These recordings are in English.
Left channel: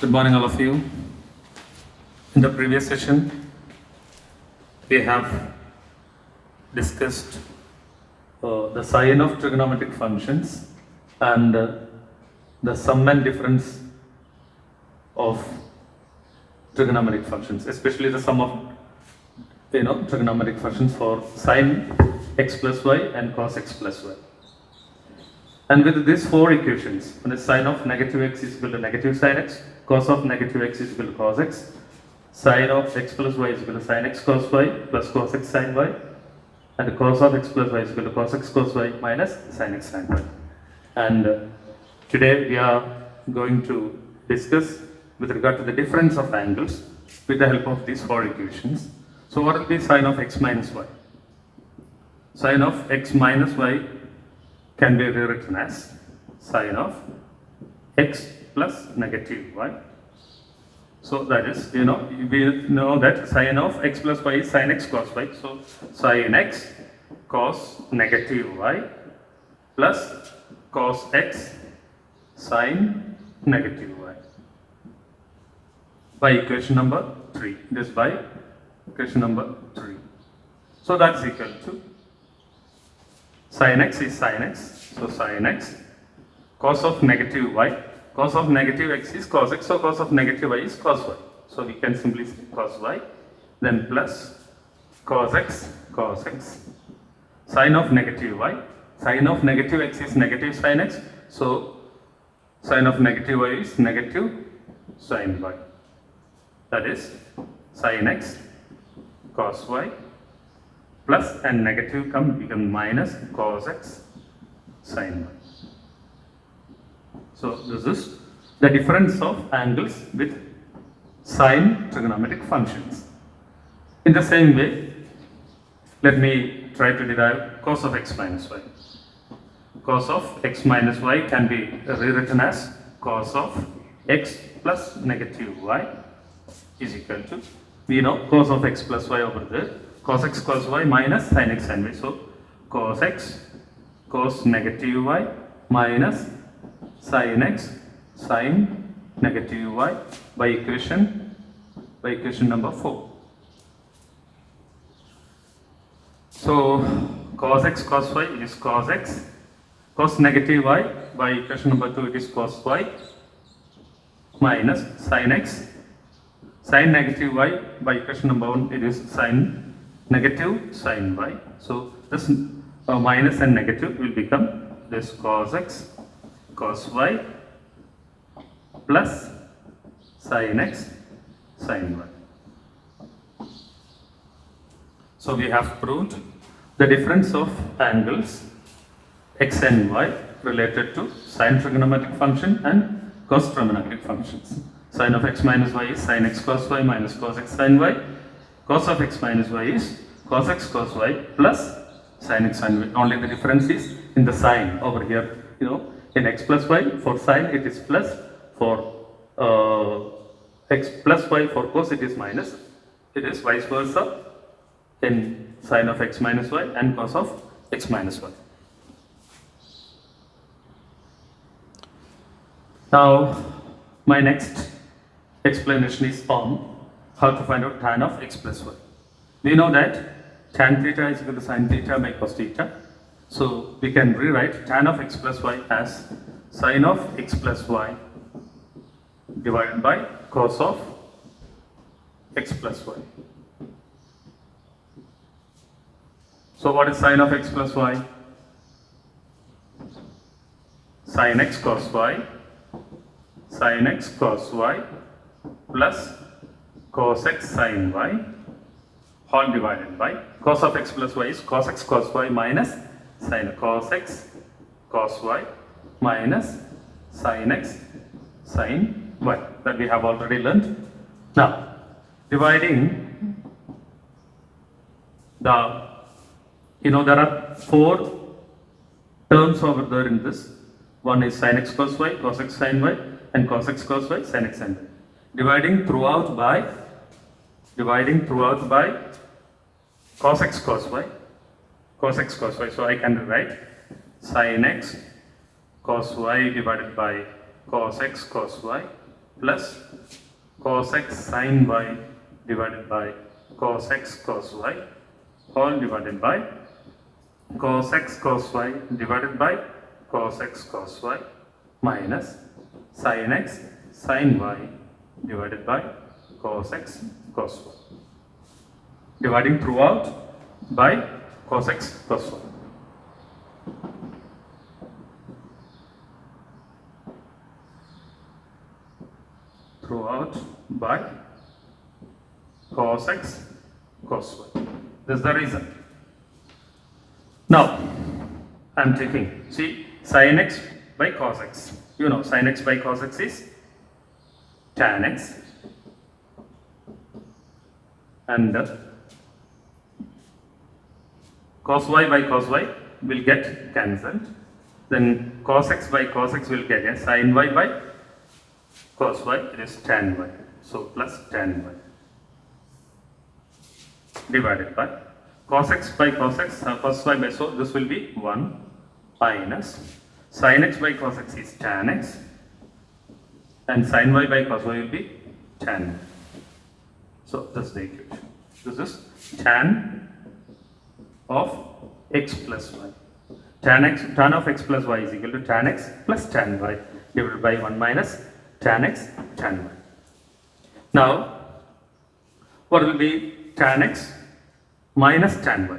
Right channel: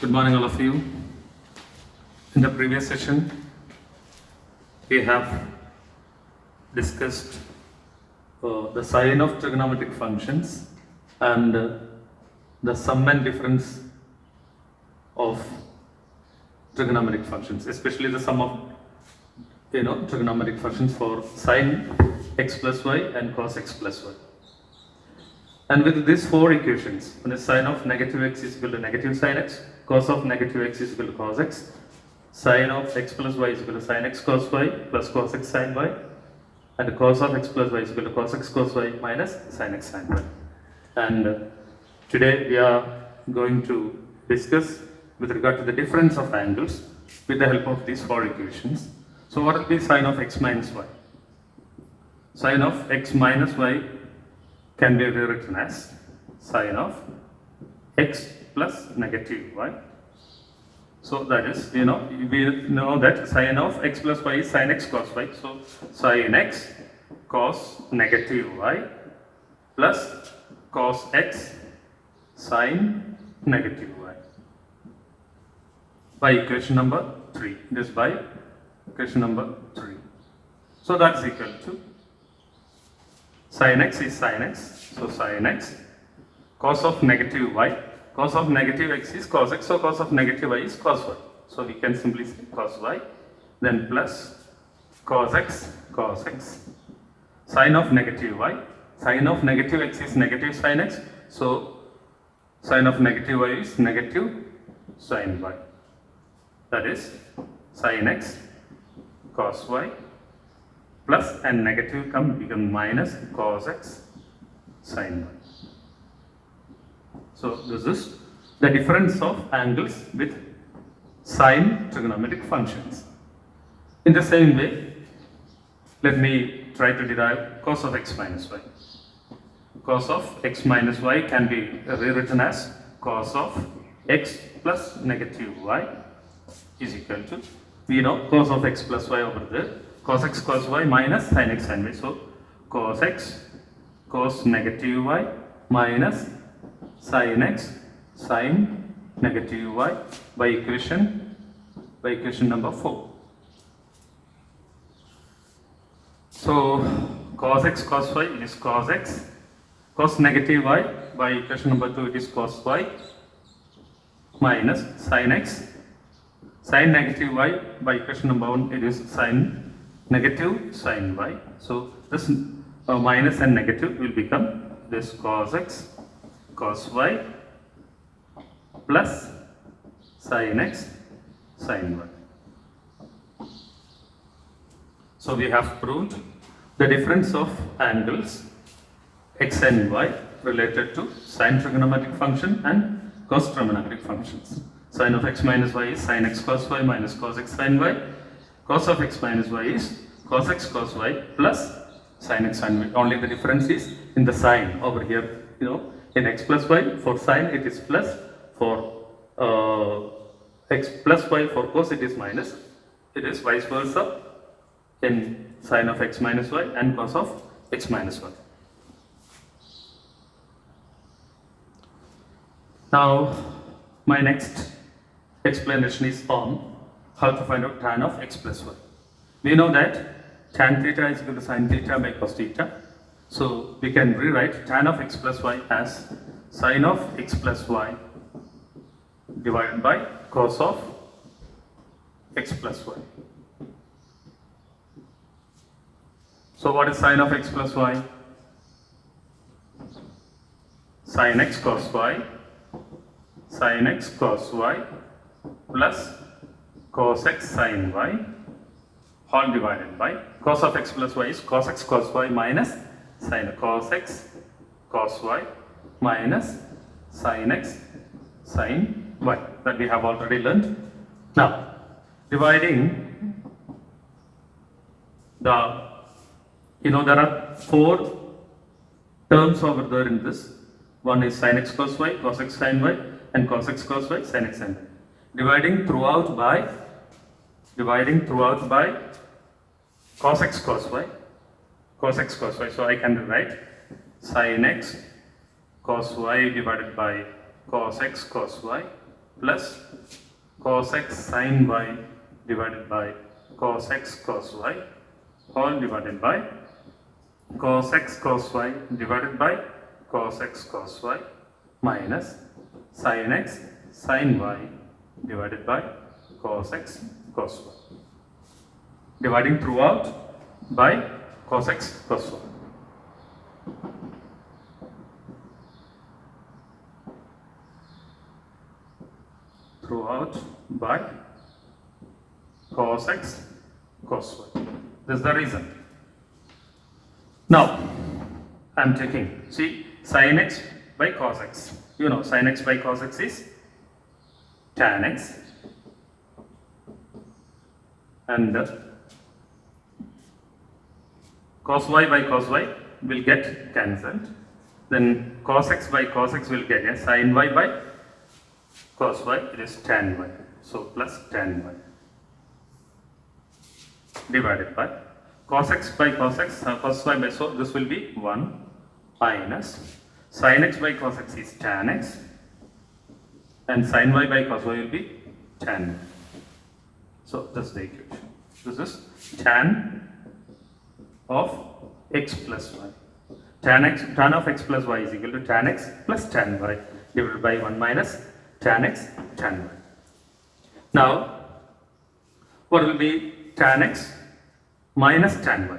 Good morning, all of you. In the previous session, we have discussed the sign of trigonometric functions and the sum and difference of trigonometric functions, especially the sum of trigonometric functions for sine x plus y and cos x plus y. And with these four equations, when the sine of negative x is equal to negative sine x, cos of negative x is equal to cos x, sine of x plus y is equal to sine x cos y plus cos x sine y, and cos of x plus y is equal to cos x cos y minus sine x sine y. And today we are going to discuss with regard to the difference of angles with the help of these four equations. So what will be sine of x minus y? Sine of x minus y can be rewritten as sine of x plus negative y. So that is, we know that sine of x plus y is sine x cos y. So sine x cos negative y plus cos x sine negative y. By equation number 3. It is by equation number 3. So that's equal to sin x is sin x, so sin x, cos of negative y, cos of negative x is cos x, so cos of negative y is cos y. So we can simply say cos y, then plus cos x, sin of negative y, sin of negative x is negative sin x, so sin of negative y is negative sin y. That is sin x cos y plus and negative become minus cos x sin y. So this is the difference of angles with sine trigonometric functions. In the same way, let me try to derive cos of x minus y. Cos of x minus y can be rewritten as cos of x plus negative y is equal to, we know cos of x plus y over there, cos x cos y minus sin x sin y. So cos x cos negative y minus sin x sin negative y by equation number 4. So cos x cos y is cos x, cos negative y by equation number 2 it is cos y minus sin x sin negative y by equation number 1 it is sin negative sin y. So this minus and negative will become this cos x cos y plus sin x sin y. So we have proved the difference of angles x and y related to sine trigonometric function and cos trigonometric functions. Sine of x minus y is sin x cos y minus cos x sin y. Cos of x minus y is cos x cos y plus sin x sin y. Only the difference is in the sign over here. In x plus y for sine it is plus, for x plus y for cos it is minus. It is vice versa in sine of x minus y and cos of x minus y. Now my next explanation is on how to find out tan of x plus y. We know that tan theta is equal to sin theta by cos theta. So we can rewrite tan of x plus y as sin of x plus y divided by cos of x plus y. So what is sin of x plus y? Sin x cos y, sin x cos y plus cos x sin y all divided by cos of x plus y is cos x cos y minus sin cos x cos y minus sin x sin y that we have already learned. Now dividing there are 4 terms over there in this. One is sin x cos y, cos x sin y, and cos x cos y, sin x sin y. Dividing throughout by cos x cos y, cos x cos y. So I can write sin x cos y divided by cos x cos y plus cos x sin y divided by cos x cos y all divided by cos x cos y divided by cos x cos y minus sin x sin y divided by cos x cos y. Dividing throughout by cos x cos y. Throughout by cos x cos y. This is the reason. Now I am taking, see, sin x by cos x. You know, sin x by cos x is tan x, and cos y by cos y will get cancelled. Then cos x by cos x will get sin y by cos y, it is tan y. So plus tan y divided by cos x by cos x, cos y by, so this will be 1 minus sin x by cos x is tan x, and sin y by cos y will be tan y. So that's the equation. This is tan of x plus y. Tan of x plus y is equal to tan x plus tan y divided by 1 minus tan x tan y. Now, what will be tan x minus tan y?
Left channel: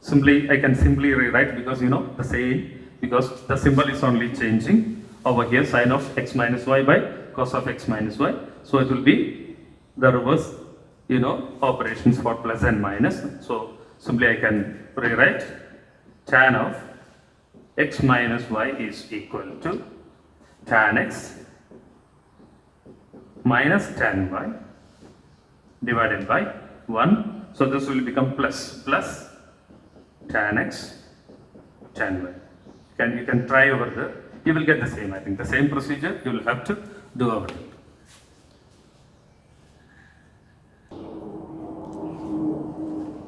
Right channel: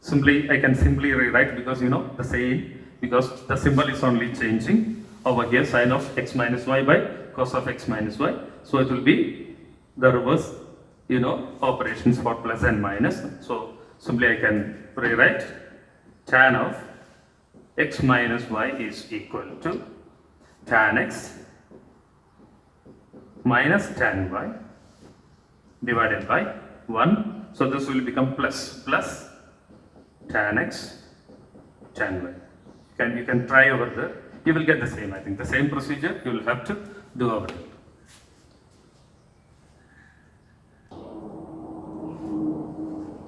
Simply, I can simply rewrite, because you know the same, because the symbol is only changing over here, sin of x minus y by cos of x minus y. So it will be the reverse, you know, operations for plus and minus. So simply I can rewrite tan of x minus y is equal to tan x minus tan y divided by 1. So this will become plus tan x tan y. You can try over there. You will get the same. I think the same procedure you will have to do over here.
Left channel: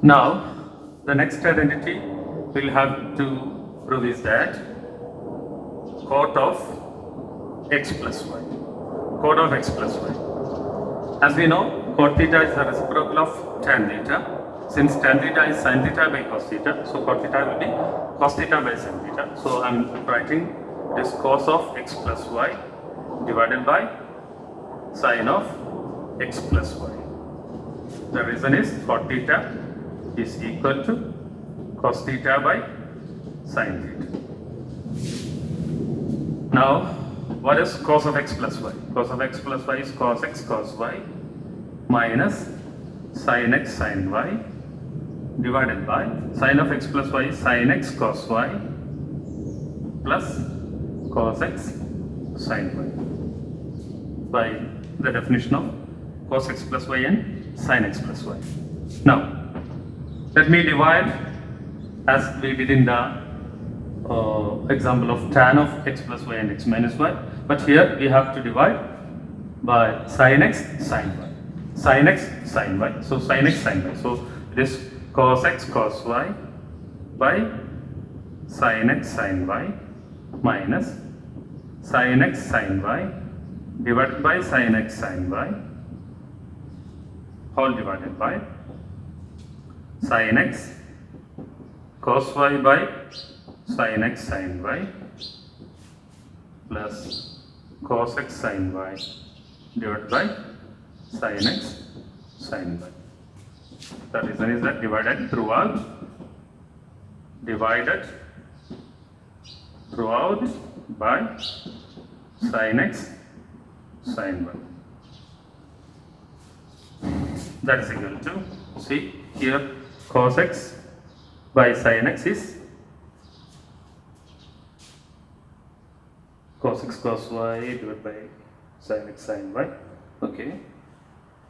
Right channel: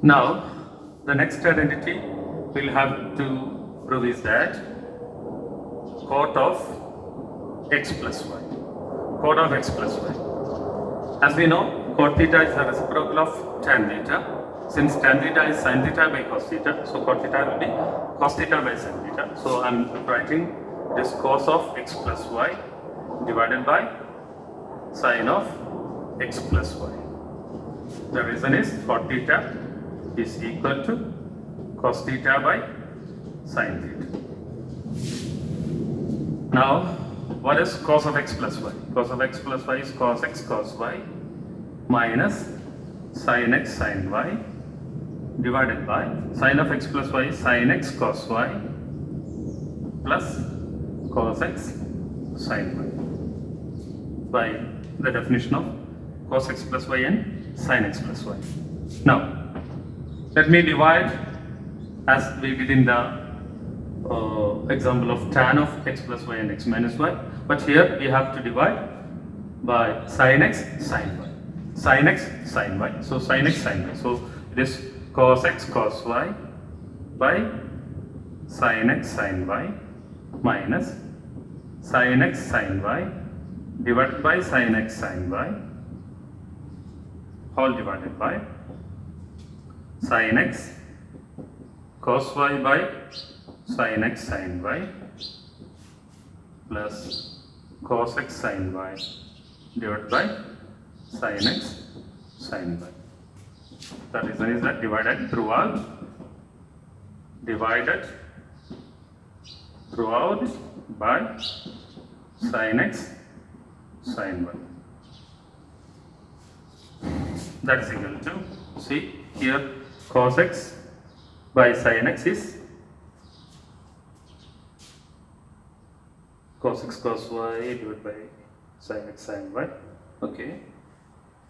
Now, the next identity we'll have to prove is that cot of x plus y. Cot of x plus y. As we know, cot theta is the reciprocal of tan theta. Since tan theta is sin theta by cos theta, so cot theta will be cos theta by sin theta. So I am writing this cos of x plus y divided by sin of x plus y. The reason is cot theta is equal to cos theta by sin theta. Now, what is cos of x plus y? Cos of x plus y is cos x cos y minus sin x sin y divided by sin of x plus y is sin x cos y plus cos x sin y by the definition of cos x plus y and sin x plus y. Now, let me divide as we did in the example of tan of x plus y and x minus y, but here we have to divide by sin x sin y. Sin x sin y. So sin x sin y. So it is cos x cos y by sin x sin y minus sin x sin y divided by sin x sin y all divided by sin x cos y by sin x sin y plus cos x sin y divided by sin x sin y. The reason is that divided throughout by sin x sin y. That is equal to, see here, cos x by sin x is cos x cos y divided by sin x sin y. Okay.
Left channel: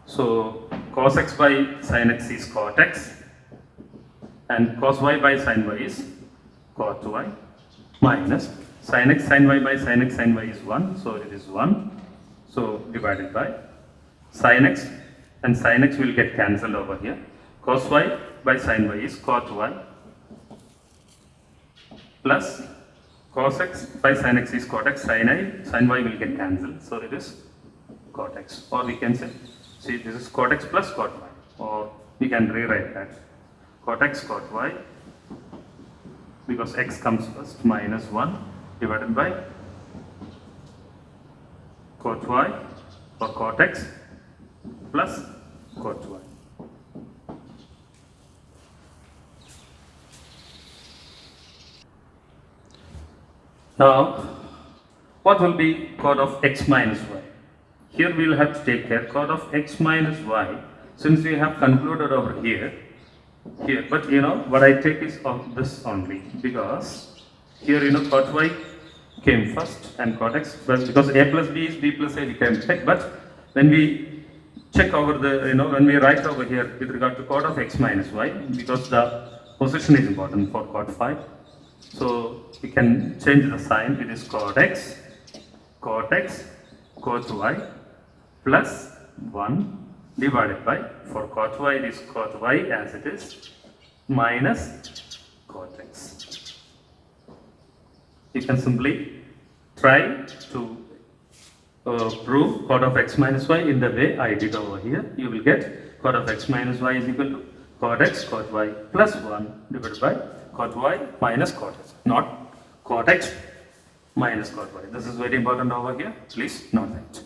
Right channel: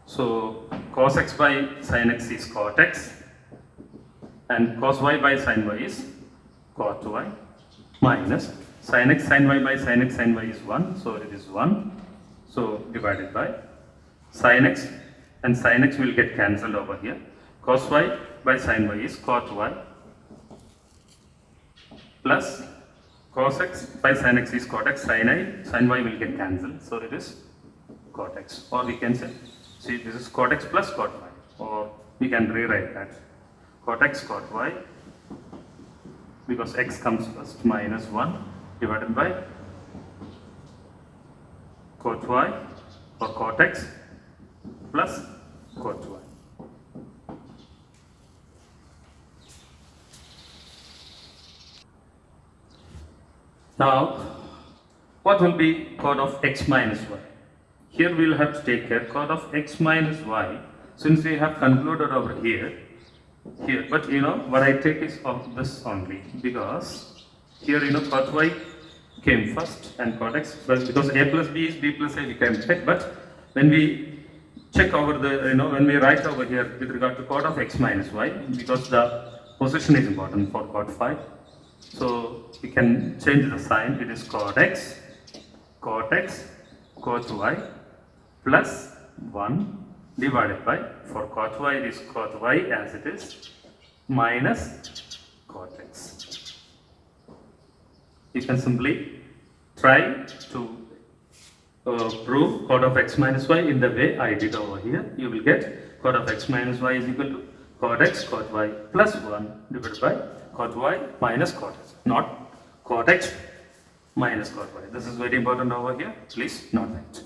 So cos x by sin x is cot x, and cos y by sin y is cot y, minus sin x sin y by sin x sin y is 1, so it is 1. So divided by sin x, and sin x will get cancelled over here. Cos y by sin y is cot y plus cos x by sin x is cot x, sin y will get cancelled, so it is cot x, or we can say, see, this is cot x plus cot y, or we can rewrite that cot x cot y, because x comes first, minus 1 divided by cot y, or cot x plus cot y. Now, what will be cot of x minus y? Here we will have to take care cot of x minus y, since we have concluded over here, but what I take is of this only, because here cot y came first and cot x, well, because a plus b is b plus a, we can check, but when we check over the, when we write over here with regard to cot of x minus y, because the position is important for cot phi, so we can change the sign. It is cot x, cot y plus 1 divided by, for cot y it is cot y as it is, minus cot x. You can simply try to prove cot of x minus y in the way I did over here. You will get cot of x minus y is equal to cot x cot y plus 1 divided by cot y minus cot x, not cot x minus cot y. This is very important over here. Please note that.